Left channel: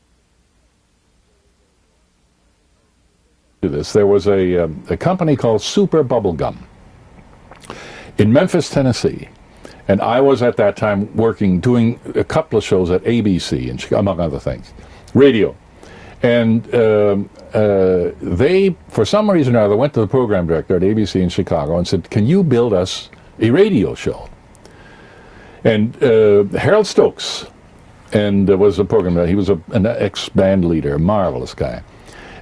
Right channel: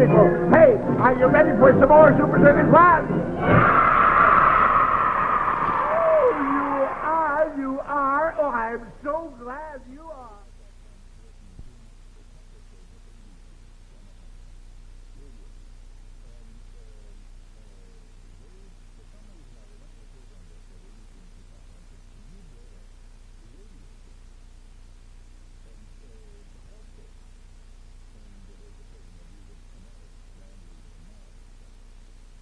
people. Hey, are you ready for some more Super Circus fun? There was a company called Super Bubblegum in Memphis, Tennessee. And I was at that time doing a couple of shows at ABC, and among other things, radio. And they, for some reason or other, went to the program director at ABC in Chicago and said, can you build us a radio show? And Harold Stokes was a program director. He was an ex-band leader, a marvelous guy.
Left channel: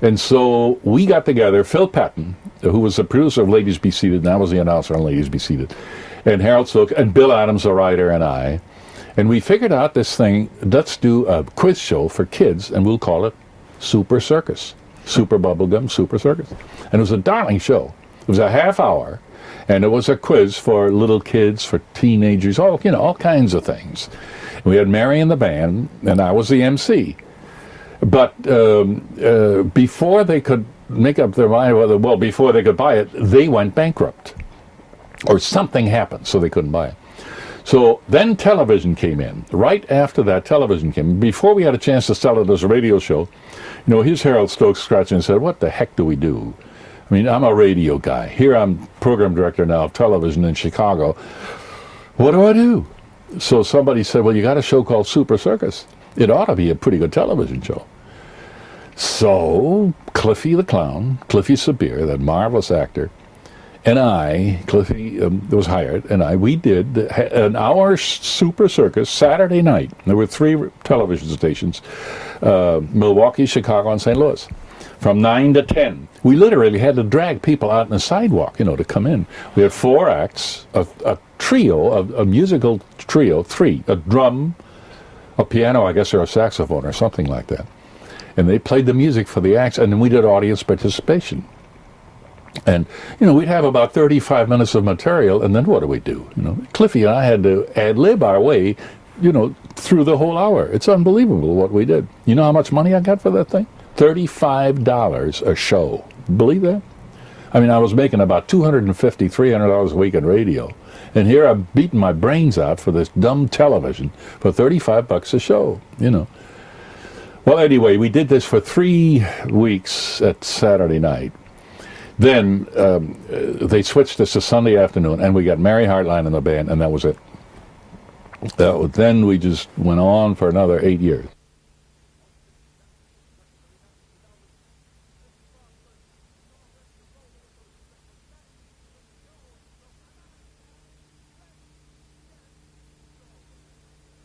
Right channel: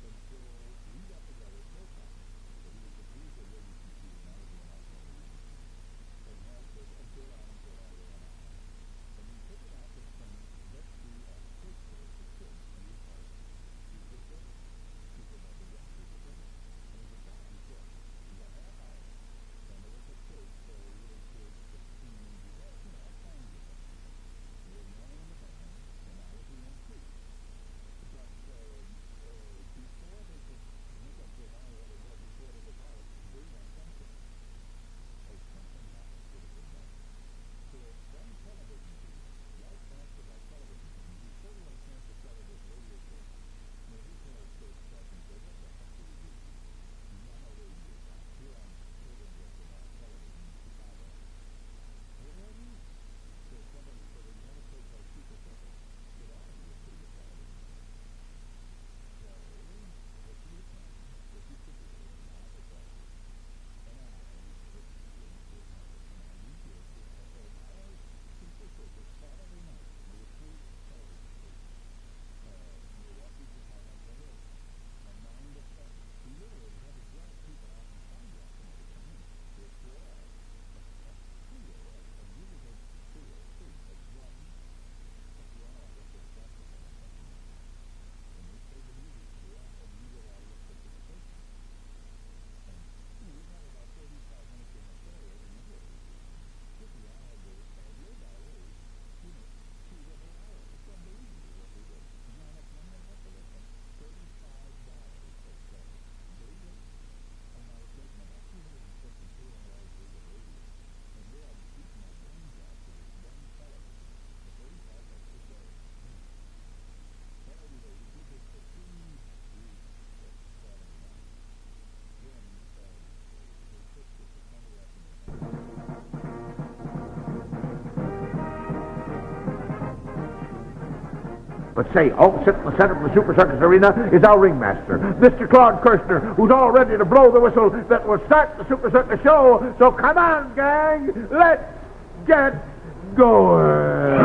And so we got together, Phil Patton, who was the producer of Ladies Be Seated, and I was the announcer on Ladies Be Seated, and Harold Stokes, and Bill Adams, the writer, and I. And we figured out this thing, let's do a quiz show for kids, and we'll call it Super Circus. Super Bubblegum, Super Circus. And it was a darling show. It was a half hour, and it was a quiz for little kids, for teenagers, all kinds of things. And we had Mary in the band, and I was the MC. But before they could make up their mind, before they could buy it, they went bankrupt. Or something happened, so they couldn't buy it. So then television came in. Right after that, television came in. Before we had a chance to sell it as a radio show, here's Harold Stokes scratching and said, what the heck do we do? I mean, I'm a radio guy. Here I'm program director now of television in Chicago. What do I do? So somebody said, well, you got a show called Super Circus. It ought to be a pretty good television show. So Cliffy the Clown, Cliffy Sabir, that marvelous actor, and I, Cliffy was hired, and we did an hour Super Circus Saturday night. There were 3 television stations, Milwaukee, Chicago, and St. Louis, from 9 to 10. We literally had to drag people out on the sidewalk, to come in. We had 4 acts, a trio, a musical trio, 3, a drum, a piano, I guess, or a saxophone or something like that. And they played the music for the acts, and then we did audience participation. And, we'd have about 35 minutes of material, and then what do we do? Cliffy and I had to ad-lib our way, through the whole hour. It's unbelievable what we did. You know how much money I got for that thing? $35 a show. Believe that? I mean, I was making about $250, $300 a week in radio. And here I'm beating my brains out for this dumb television for $35 a show, Well, anyway, we did this for 3 weeks at Saturday night. Then they switched us to Sunday afternoon, and we got Mary Hartline in the band, and that was it. Then we just went on for another 8 years. But say, sitting in the center of the Super Circus Arena is our ringmaster, Mr. Claude Kirshner, who's all ready to blow the whistle that will start the Super Circus show. So come on, gang, let's get going.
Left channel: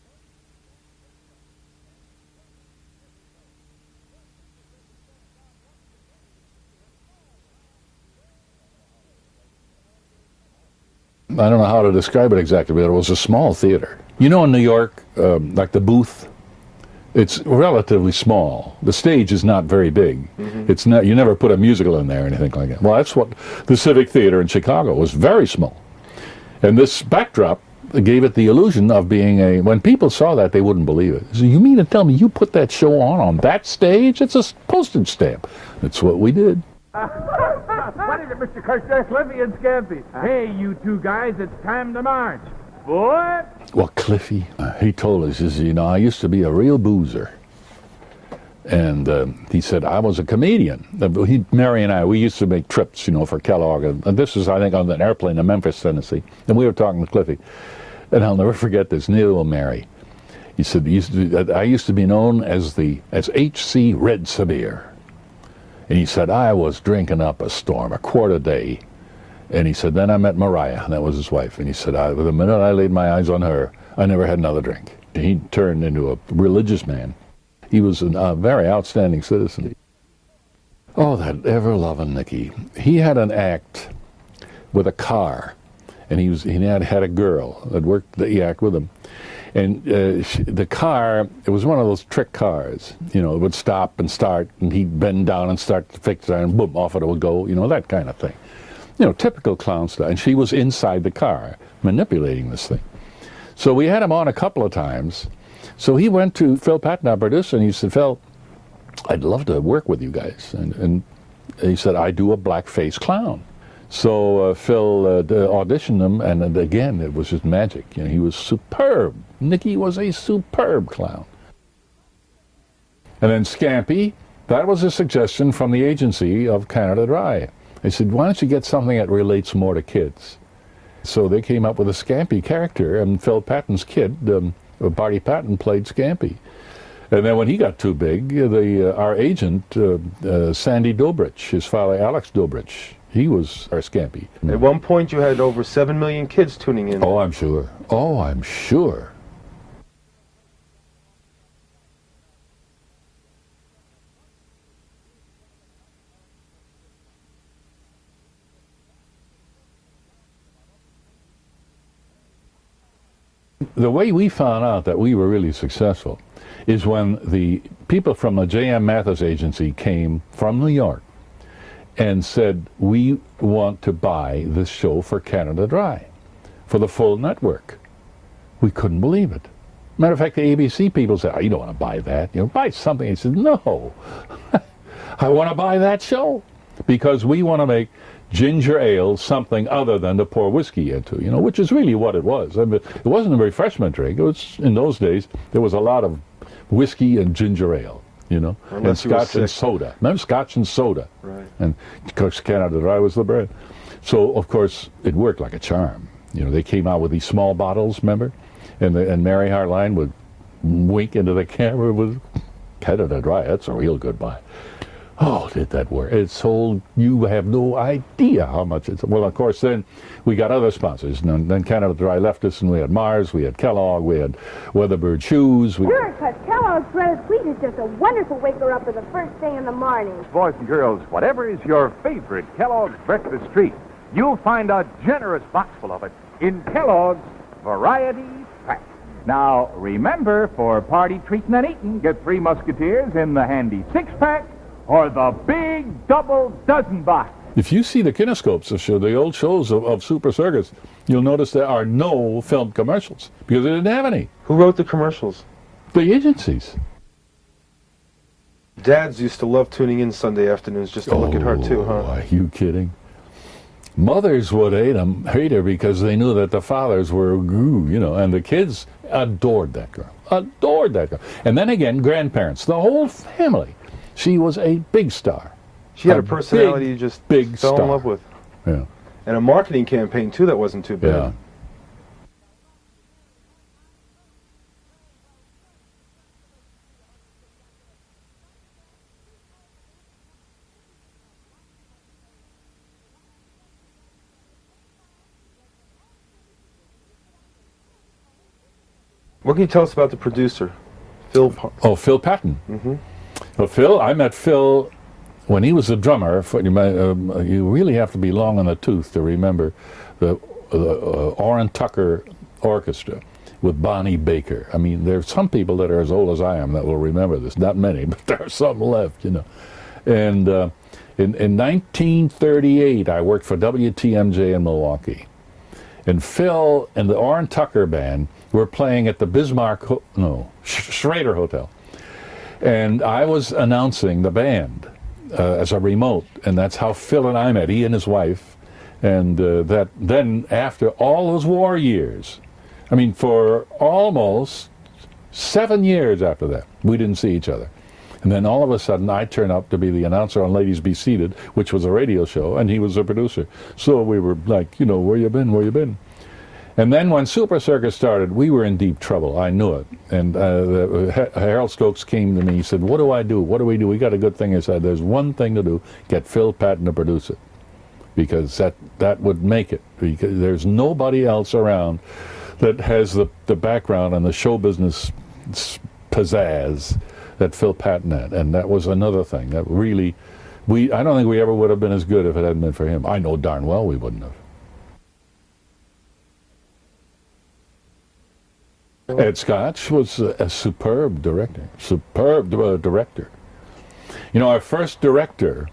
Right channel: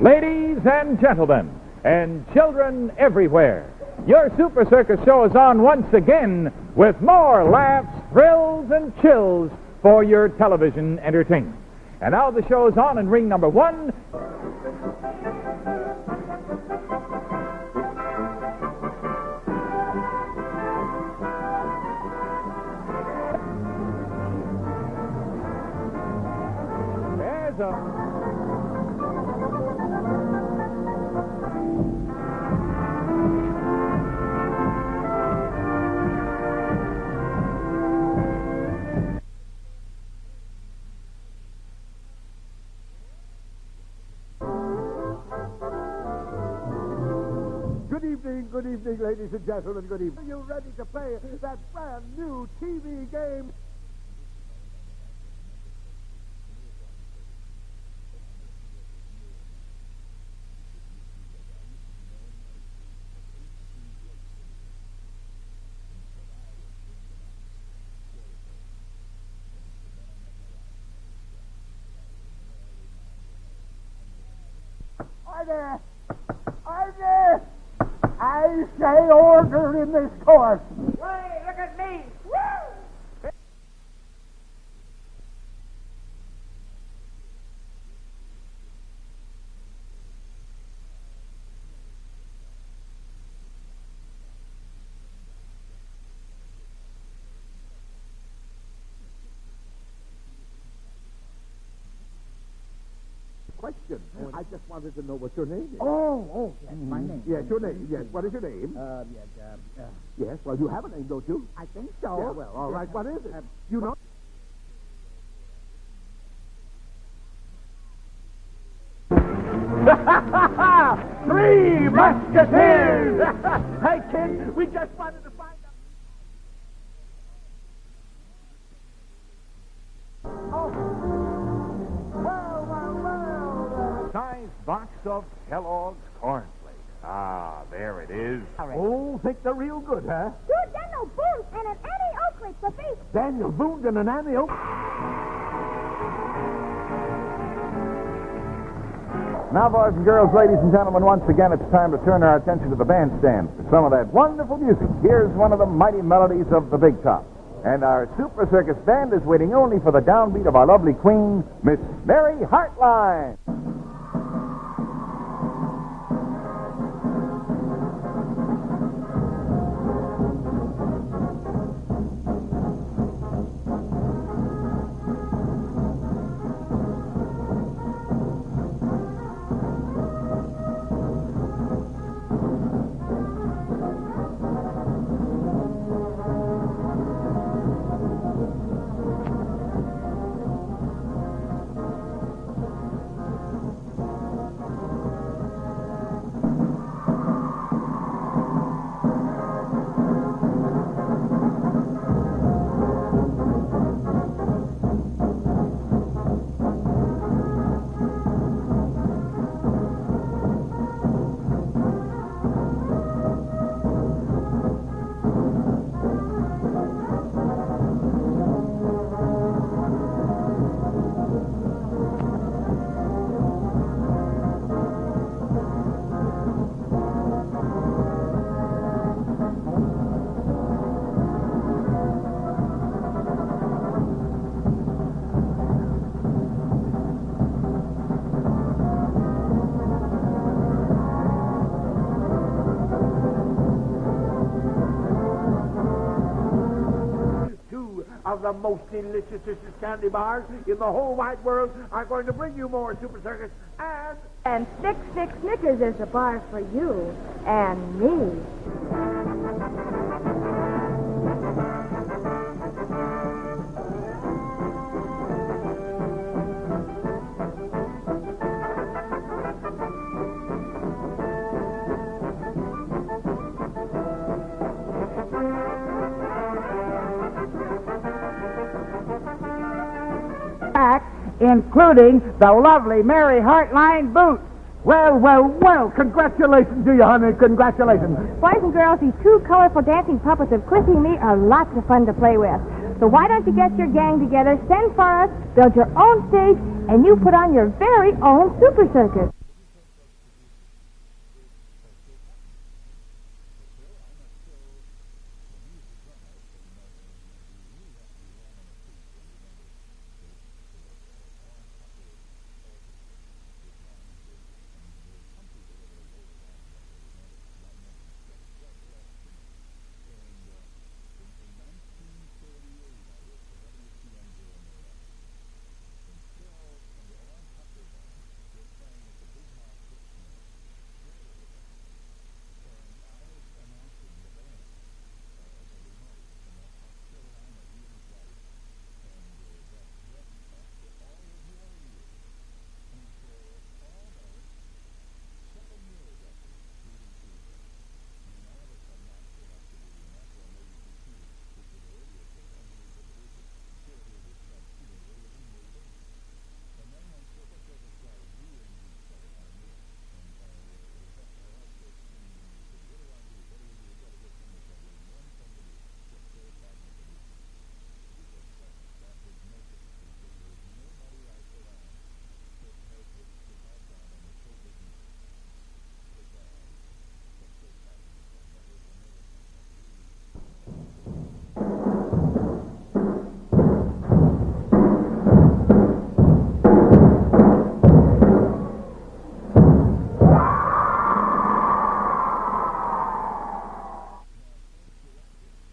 Ladies and gentlemen, and children everywhere, your Super Circus show is on once again with more laughs, thrills, and chills for your television entertainment. I don't know how to describe it exactly, but it was a small theater. In New York, like the booth, it's relatively small. The stage is not very big. It's not. You never put a musical in there or anything like that. Well, that's what the Civic Theater in Chicago was, very small. And this backdrop gave it the illusion of being when people saw that, they wouldn't believe it. So you mean to tell me you put that show on that stage? It's a postage stamp. It's what we did. What is it, Mr. Kirshner? Cliffy and Scampy. Hey, you 2 guys, it's time to march. Boy! Well, Cliffy, he told us, I used to be a real boozer. And he said, I was a comedian. Mary and I, we used to make trips, for Kellogg. And this was, I think, on an airplane in Memphis, Tennessee. And we were talking to Cliffy. And I'll never forget this, neither will Mary. He said, I used to be known as H.C. Red Sabir. And he said, I was drinking up a storm, a quart a day. And he said, then I met Mariah, and that was his wife. And he said, the minute I laid my eyes on her, I never had another drink. He turned into a religious man. He was a very outstanding citizen. Oh, that ever-loving Nicky. He had an act with a car, and he had a girl that worked the act with him. And the car, it was one of those trick cars. It would stop and start, and he'd bend down and start to fix it, and boom, off it would go, that kind of thing. Typical clown style. And she was inside the car, manipulating this thing. So we had him on a couple of times. So he went to Phil Patton, our producer, and he said, Phil, I'd love to work with you guys. And he said, I do a blackface clown. So Phil auditioned him, and again, it was just magic. You know, he was superb. Nicky was a superb clown. Three Musketeers! And then Scampy, that was a suggestion from the agency of Canada Dry. They said, why don't you get something that relates more to kids? So they came up with a Scampy character, and Phil Patton's kid, Barty Patton, played Scampy. And then when he got too big, our agent, Sandy Dobrich, his father, Alex Dobrich, he was our Scampy. At one point, you had over 7 million kids tuning in. Oh, I'm sure. Oh, I'm sure. Now, boys and girls, ladies and gentlemen, once again, it's time to turn our attention to the bandstand for some of that wonderful music. Here's one of the mighty melodies of the Big Top. And our Super Circus band is waiting only for the downbeat of our lovely queen, Miss Mary Hartline. The way we found out that we were really successful is when the people from the J.M. Mathis agency came from New York and said, we want to buy this show for Canada Dry, for the full network. We couldn't believe it. Matter of fact, the ABC people said, oh, you don't want to buy that. You know, buy something. I said, no, I want to buy that show. Because we want to make ginger ale something other than to pour whiskey into, you know, which is really what it was. I mean, it wasn't a refreshment drink. It was, in those days, there was a lot of whiskey and ginger ale, you know, and scotch and soda. Remember Scotch and soda? And of course, Canada Dry was the bread. So, of course, it worked like a charm. You know, they came out with these small bottles, remember? And Mary Hartline would wink into the camera with Canada Dry. That's a real good buy. Oh, did that work? It sold, you have no idea how much it's, well, of course, then we got other sponsors. And then Canada Dry left us, and we had Mars, we had Kellogg, we had Weatherbird Shoes. Sure, because Kellogg's Bread Sweet is just a wonderful waker up for the first thing in the morning. Boys and girls, whatever is your favorite Kellogg's breakfast treat, you'll find a generous box full of it in Kellogg's Variety Pack. Now, remember, for party treating and eating, get 3 Musketeers in the handy 6-pack or the big double dozen box. If you see the kinescopes that show the old shows of Super Circus, you'll notice there are no film commercials because they didn't have any. Who wrote the commercials? The agencies. You and me. Dads used to love tuning in Sunday afternoons just to look at her too, huh? Are you kidding? Mothers would hate her because they knew that the fathers were, you know, and the kids adored that girl. Adored that girl. And then again, grandparents, the whole family. She was a big star. She had a personality you just fell in love with. Yeah. And a marketing campaign too that wasn't too bad. Yeah. Including the lovely Mary Hartline boots. Well, well, well, congratulations to you, honey. Congratulations. Boys and girls, these 2 colorful dancing puppets of Cliffy and me are lots of fun to play with. So why don't you get your gang together, send for us, build your own stage, and you put on your very own Super Circus. What can you tell us about the producer, Phil? Phil Patton. Mm-hmm. Well, Phil, I met Phil when he was a drummer. You really have to be long on the tooth to remember the Orrin Tucker Orchestra with Bonnie Baker. I mean, there are some people that are as old as I am that will remember this. Not many, but there are some left, you know. And in 1938, I worked for WTMJ in Milwaukee. And Phil and the Orrin Tucker Band were playing at the Schrader Hotel. And I was announcing the band as a remote. And that's how Phil and I met, he and his wife. And that then after all those war years, I mean, for almost 7 years after that, we didn't see each other. And then all of a sudden, I turned up to be the announcer on Ladies Be Seated, which was a radio show, and he was the producer. So we were like, you know, where you been, where you been? And then when Super Circus started, we were in deep trouble. I knew it. And Harold Stokes came to me. He said, what do I do? What do we do? We got a good thing. I said, there's one thing to do. Get Phil Patton to produce it. Because that would make it. Because there's nobody else around that has the background and the show business pizzazz that Phil Patton had. And that was another thing that really, I don't think we ever would have been as good if it hadn't been for him. I know darn well we wouldn't have. Ed Scotch was a superb director. You know, our first director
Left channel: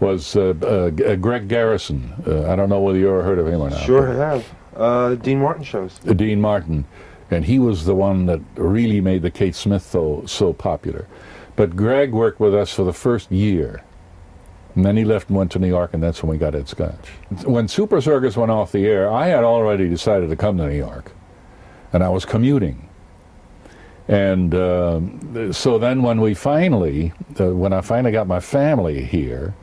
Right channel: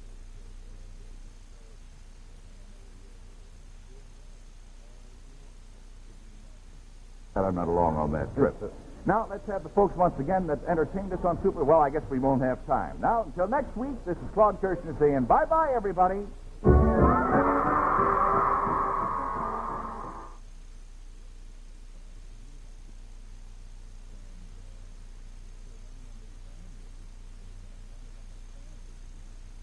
was Greg Garrison. I don't know whether you ever heard of him or not. Sure have. Dean Martin shows. Dean Martin. And he was the one that really made the Kate Smith so popular. But Greg worked with us for the first year. And then he left and went to New York, and that's when we got Ed Scotch. When Super Circus went off the air, I had already decided to come to New York. And I was commuting. And so then when we finally, when I finally got my family here,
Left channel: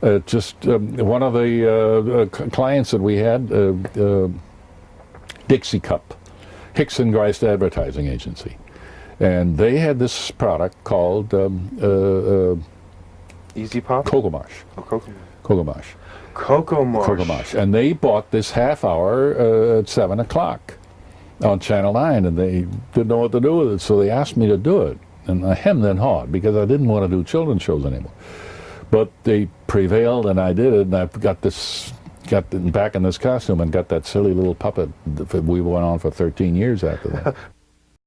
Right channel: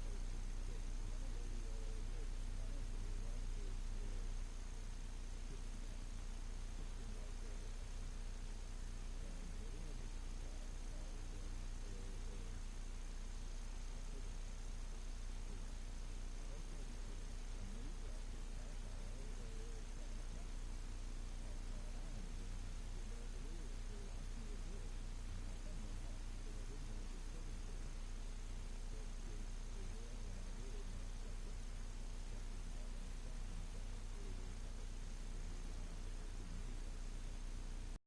one of the clients that we had, Dixie Cup, Hickson Grice Advertising Agency, and they had this product called Easy Pop? Cocoa Marsh. Oh, Cocoa. Cocoa Marsh. Cocoa Marsh. Cocoa Marsh. And they bought this half hour at 7 o'clock on Channel 9, and they didn't know what to do with it, so they asked me to do it. And I hemmed and hawed because I didn't want to do children's shows anymore. But they prevailed, and I did it, and I got back in this costume and got that silly little puppet that we went on for 13 years after that.